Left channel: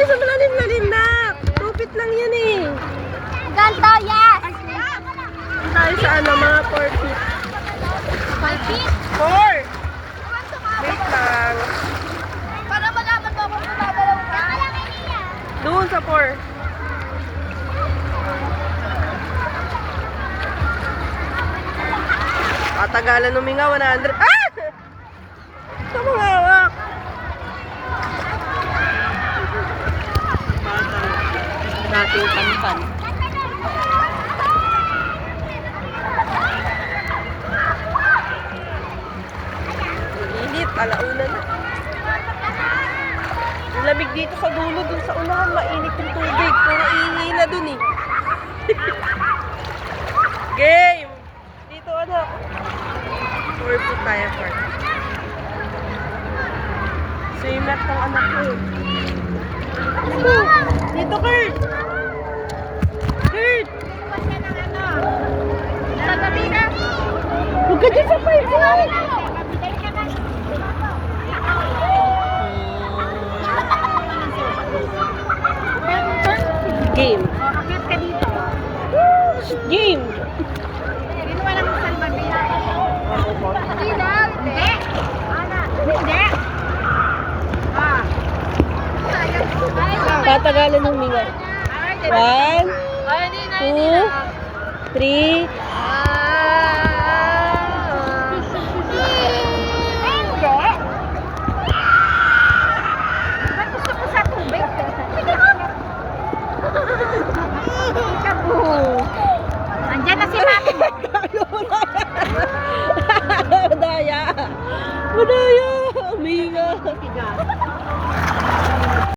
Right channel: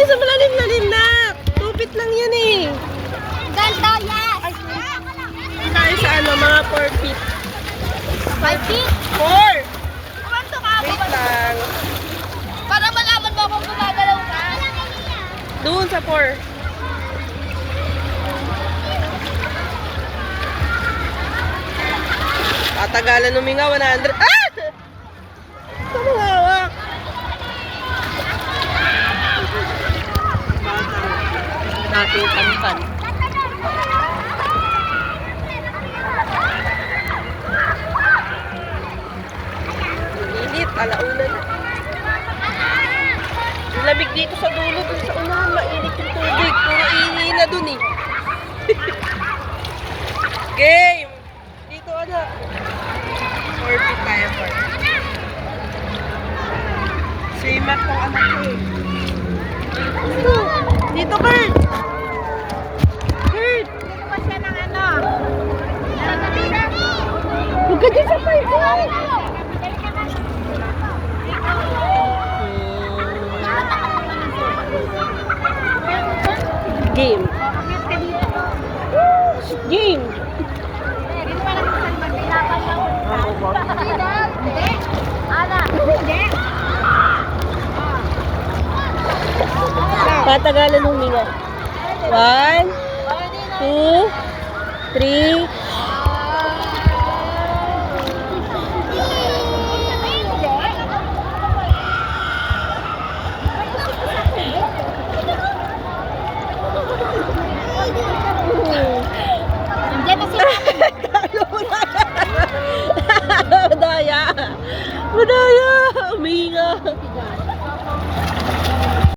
tayo sa malalim-lalim na. Tupit lang yan eh. Ganto, yes! Tayo sa ano, mga 4 feet. 5 feet? 4! Kumanto ka. Wait lang. Para malaman mo kung gumagalaw ka. Doon sa 4. Patagalan huminga, 100. Ah! Sama hawak. Batang dating tantan. Init, alauna na. Ang lamig dito sa dulo, dun sa unahan, mainit yung tubig. Puro ihi na dun eh. Game! Dito anak. 4 feet tayo, 4 feet. Same at ng anak ko eh. Dito, Kurt! Kurt! Huwag ka dyan sa park! Game. Game. Patagalan huminga. 1, 2, 3. Andiyan na si Mami. Madaya. Madaya. Huminga.